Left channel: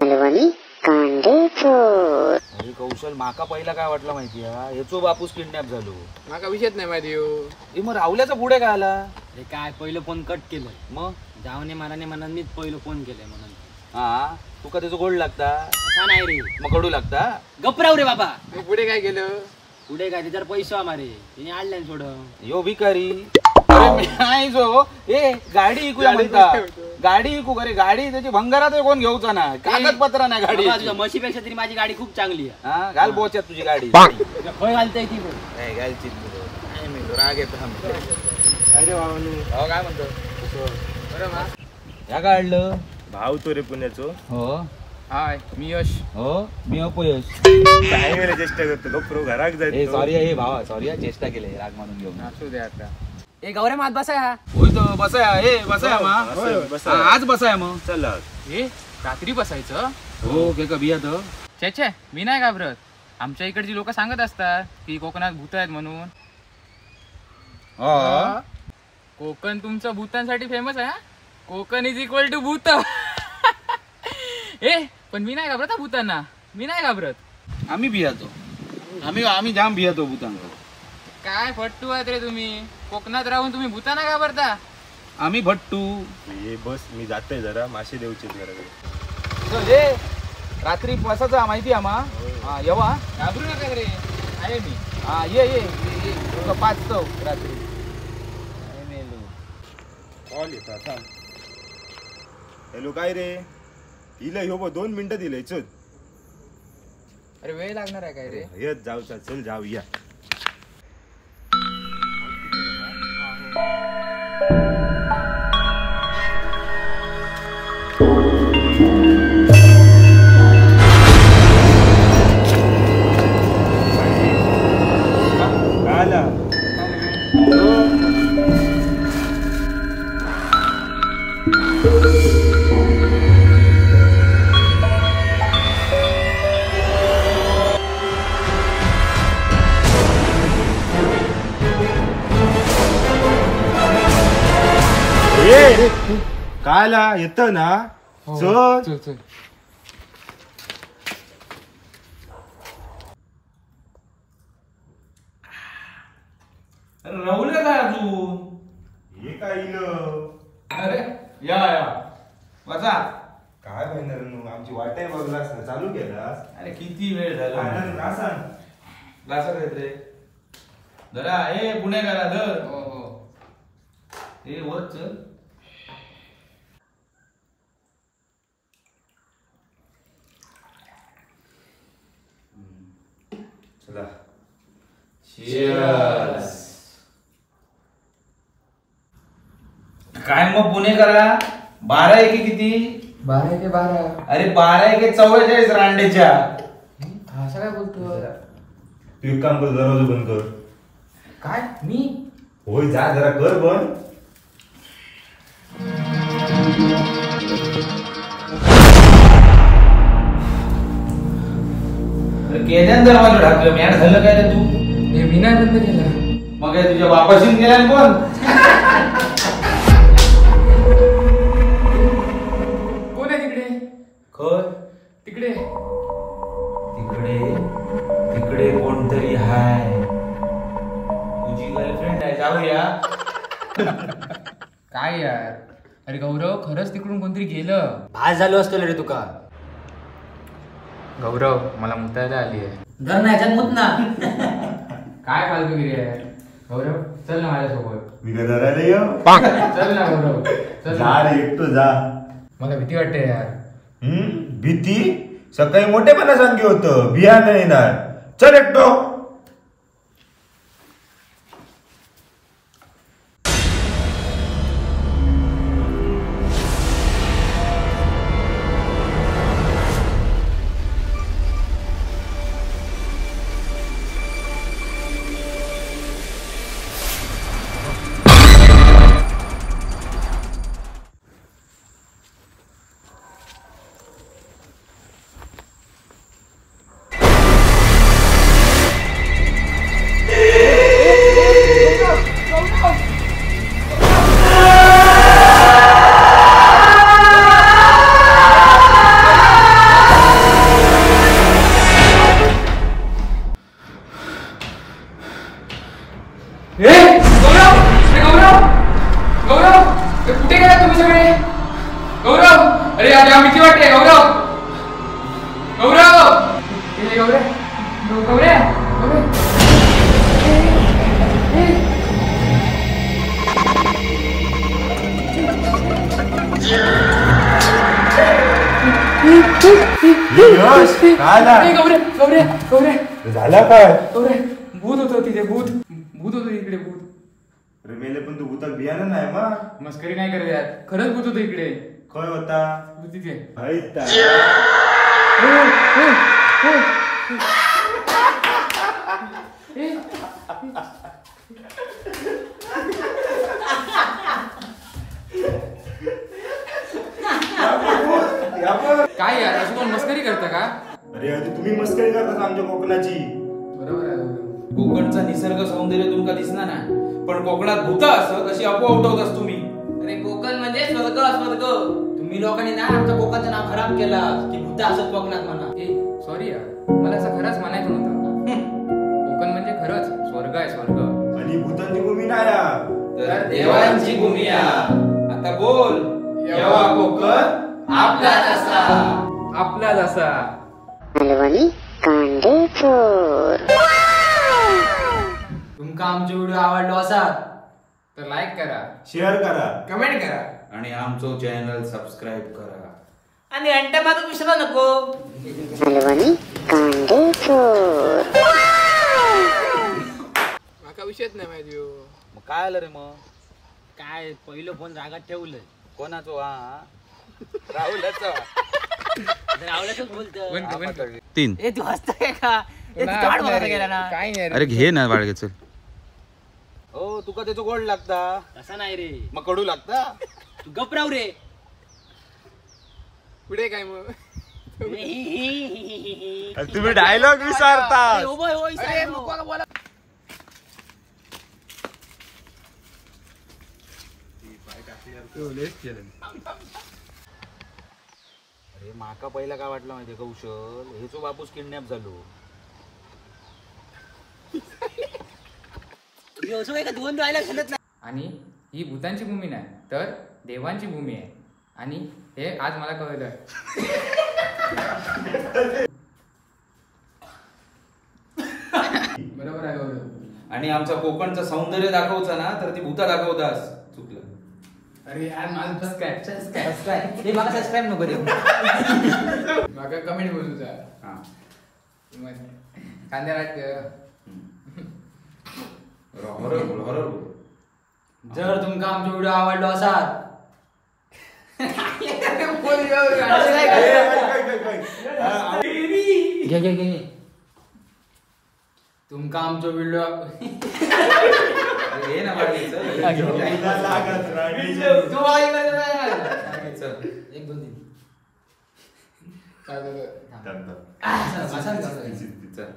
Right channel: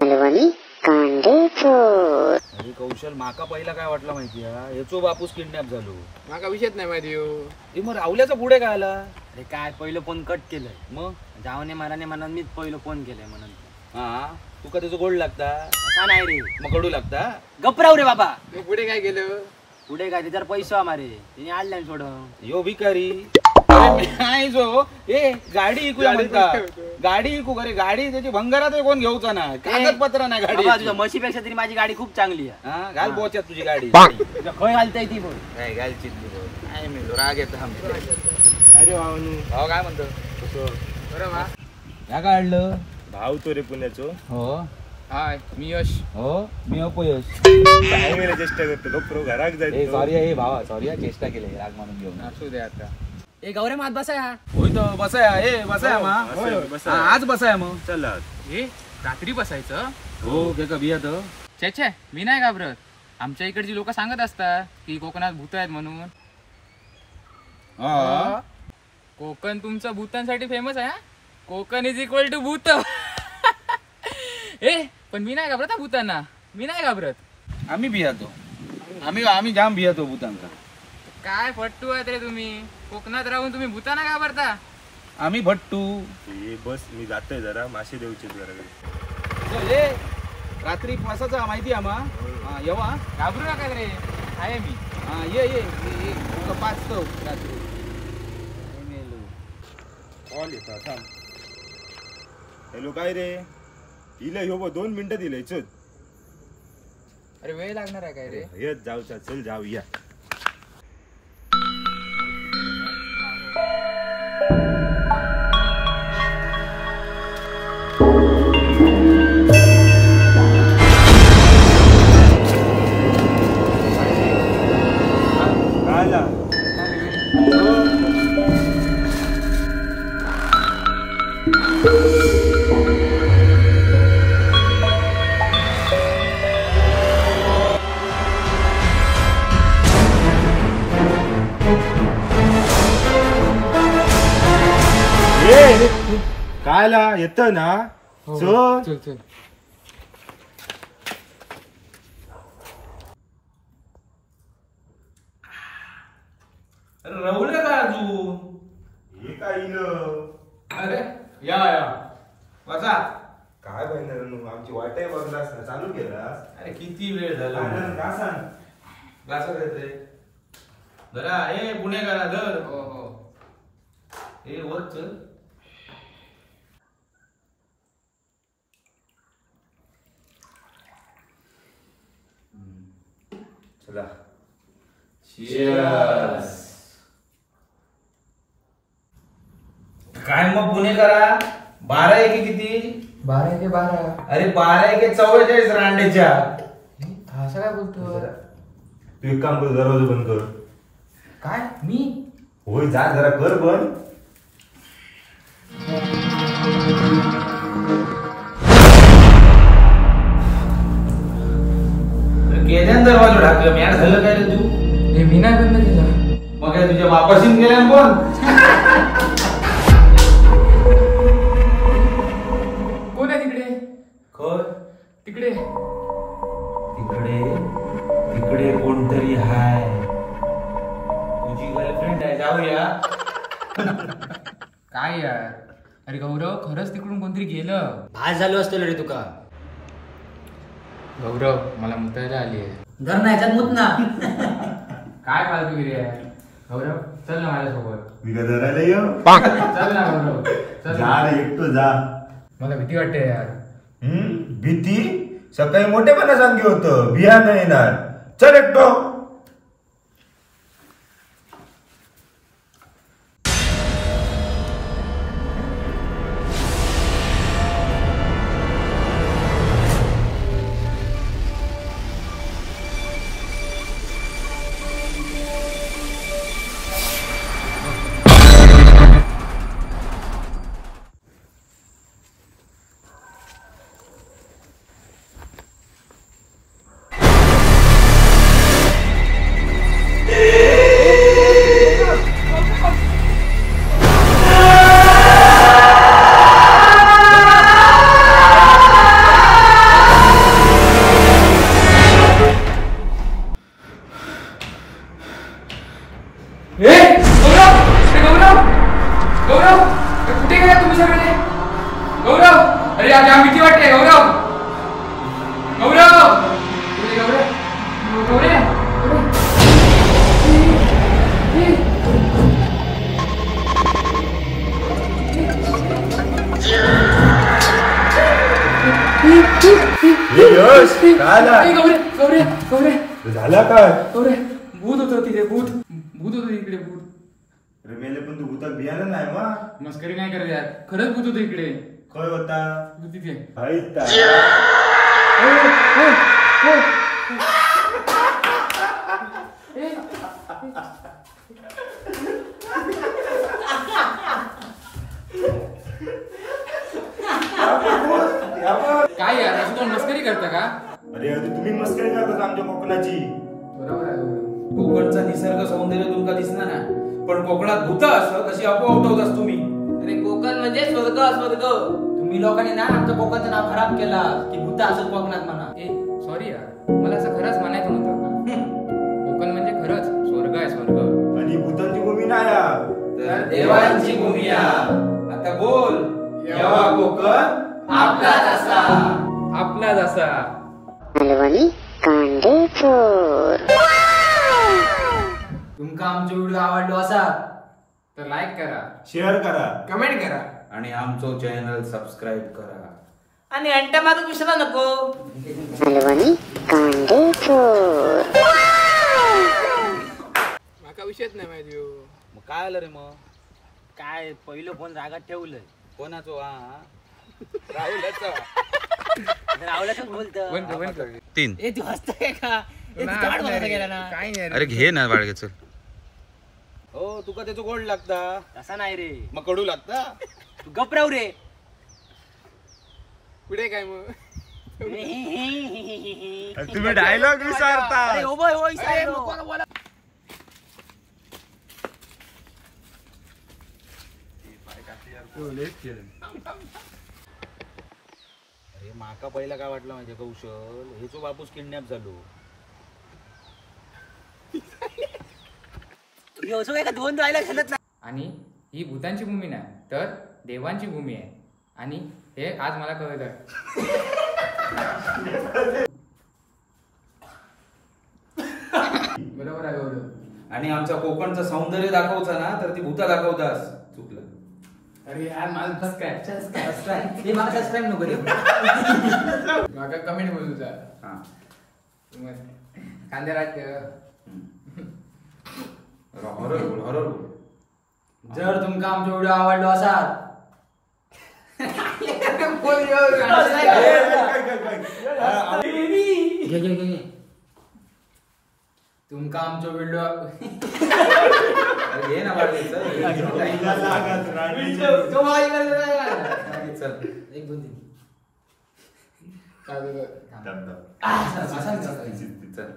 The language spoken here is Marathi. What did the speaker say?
मालवणी कांडेचोर. अरे कौशल, माका पहिला काय वाटलं माहिती आहे, याचो बापूस किडनॅप झालो. माका विषयच नाही माहिती हो. मग राहुल्याचा पुढे काय आला? अरे काय पहिलं फोन कट केलंय, मग जावने माराने म्हणून मीच पहिलं फोन केलंय म्हणून. हा तुका त्याचं गोड लागता? असा नाही रे, मग कडू लागता? गपराव रे बाबा. मग पुढे काय केलं? पुढे काय त्याच्यावर पैसा मारे तिने आणल्यान सोड. यो भिकारी नाही जो ए गाडी इकूया म्हणता. गाडी इकू करे, गाडी त्याची भंगारात कोण घेऊचा ना, कागदपत्र नाही गाडी. तुझ्या म्हशीपेक्षा तरी माझी गाडी खूप चांगली आहे. हा घाल बोच्यात तुझी गाडी. खय घालताय ती बोल. काय घाल चितली बोल. काय मेलो राग येतो. अरे भावानू, भाऊ काय म्हणतो? बरं वा. ह्या काढलं भाव तो रे पुण्याचो. हो. हाय, मी यश. हो मी अपयश. काय वेळेला चेष्टा करतो लोक घराक ए सॉरी हे भावा, सॉरी चेष्टा केली राग मानून घेऊन. असू दे आता. ए गौरे मात बसाय. होय तो बसाया. ए बसाया मग आज बसाया मग. चला ए रात्री बसायचं? हो के का बिया तर छे मी नाही घाबरत. आमच्या इकडची लोक सांगत असतात की कोकणात भूत आहेत म्हणून. कोकण तुमचं भूतांसाठी फेमस आहे. कोकण इज इक्वल टू भूत. ए पण मी नाही घाबरत भूतांना, मी नाही घाबरत. आम्ही बियातो, आम्ही जाम बियातो भूतांका. काय फट्टू आहेत रे तुम्ही. कोकणात राहून तुम्ही भूतांना घाबरता. आम्ही भट्टू. ये बस मी जातोय जरा मासे देऊचे जरा. ए रात्री बसायचा माहिती आम्हा. हा येवा, घाबरू नका रे, आहे मी. हा ये ये 5 तो रात्री. कॉल येता थांब. हॅलो काय रे, दिलं ह्यो 2 मिनिटं दिलंय. चल अरे वेळ लागणार आहे काय रे? येत जाऊचा, चल जाऊया. आला कायला येत ना. चल चल चल. राहुल का काय अजून? हे काय इलं? अरे या बसा. काय पाहिजे आमची वाटे बघलास ना, चालू केलास. अरे किती वेळ झाला. का सांग. ग्लासात येते जरा. ए पुणेकरा धर. हो हो. ए वर चल. चला Cheers. काय मग पुणेकरा, 12 एके किती? 12 के 12. अरे 12 एके 44 रांडेच्या. असं काय बोलतो? तू एक काम कर, दरवाजा बंद कर. काय मी? होय जा जरा कर बंद. केल्यान दरवाजा ढाकलं. मॅड झालं काय रे तू? हे मी नाही बंद केला. मग काय तुझ्या बापाशीन गेला कोण? कोण आहे तिकडे? खर तिकडे तिकडे तिकडे कोणतरी हाय. तुझी गर्लफ्रेंड आहे. जाऊया. काय यार. अरे गौरव, खरंच तिकडून कोणतरी गेलं. भास झालो असतो रे तुका. गौरव, मला मुतायला आली आहे. घर नाही याच्यात मुत ना. काय फालतूगिरी आहे. गौरव चल ना माझ्यासोबत. मी काय धरायला ये. चल ना गौरव, चल जा ना. रे एकटो जा. मला भीती वाटते यार. भीती सकाळी मोठेपणा सांगी होतं, बिया नाही येणार. चल एकटो. यश काय झाला काय भूत होतं तिथे भूत होतं इकडे भूत. अरे मेले पण तू भूताक बियाणं नाही मा मस्करी नाही करत यार, खरंच भूत होतं इकडे. खय होता भूत तिथे. भाईता काय यार, असं कोण मस्करी करता का? अरे अरे तुम्ही मस्करी करता आमच्या कोकणाची. बरोबर आहे. कोकणचा निसर्ग सौंदर्य तुमका दिसणार नाही, पण कोकणात भूत असं कशी अपोह उठवतास तुम्ही. अरे कोकण म्हणजे स्वर्ग. तुम्ही लोकांनी ना आमच्या कोकणचं नाव खराब केला की भूत असत कोकणात म्हणा. ए सॉरी यार, मला असं खरंच म्हणायचं नव्हतं. कोकण म्हणजे खरंच स्वर्ग आहे, स्वर्ग. आणि भूतांची भूमी नाही हा. तर देवांची भूमी आहे. आता बोल, येवा कोकण आपला जसा. आपला जसा. मालवणी कांदेपूर. तुमका आमचे व्हिडिओ आवडलो असात तर लाईक करा, शेअर करा. कमेंट करा आणि आमचं चॅनल सबस्क्राईब करा. आणि अंट्या मागून विसरा नको. मालवणी कांदेपूर. माका विषयच नाही माहिती हो. मग काय आलं रे मग? काय पहिलं फोन रागात ठेवलंय. कोणाचो हा? राहुलचा. रावल्याच बोलत. 3 ए तू हसतोय का? ए, तू गाड बोलायला गेला ना. अरे घे ना बाळगे चल. हो तुका त्याचं गोड लागता, तसा नाही रे. मग कडू लागता. तू गपराव रे. पुढे काय मग? तुम्ही डायलॉग विसरता. अरे, हो बाय, हो, इसाय. अरे माका पहिला काय वाटलं माहितीये कौशल, हे जो बापूस किडनॅप झालो. दिवस काय का दोन राहिला शकत नाही. आणि ही भूतांची भूमी नाही तर देवांची भूमी आहे, आणि हे आज मला कळलं. बरोबर आहे, बरोबर. आणि आमचा कोकणचं सौंदर्य दाखवचा ना तर ती भूता दाखवतास. चुकलं. अरे यार माझं सबस्क्राईब. हे मला सबस्क्राईब नको रे. मागा कमेंट बोलूचा. हा. कांद्या राज हॉरर बोल, हॉरर बोल. जर तुमका आमचा व्हिडिओ आवडलो असाल घे तुमका आमचा व्हिडिओ अरे घे ना बाळगे, चल. चल. 1 2 3 काय झालं? चल.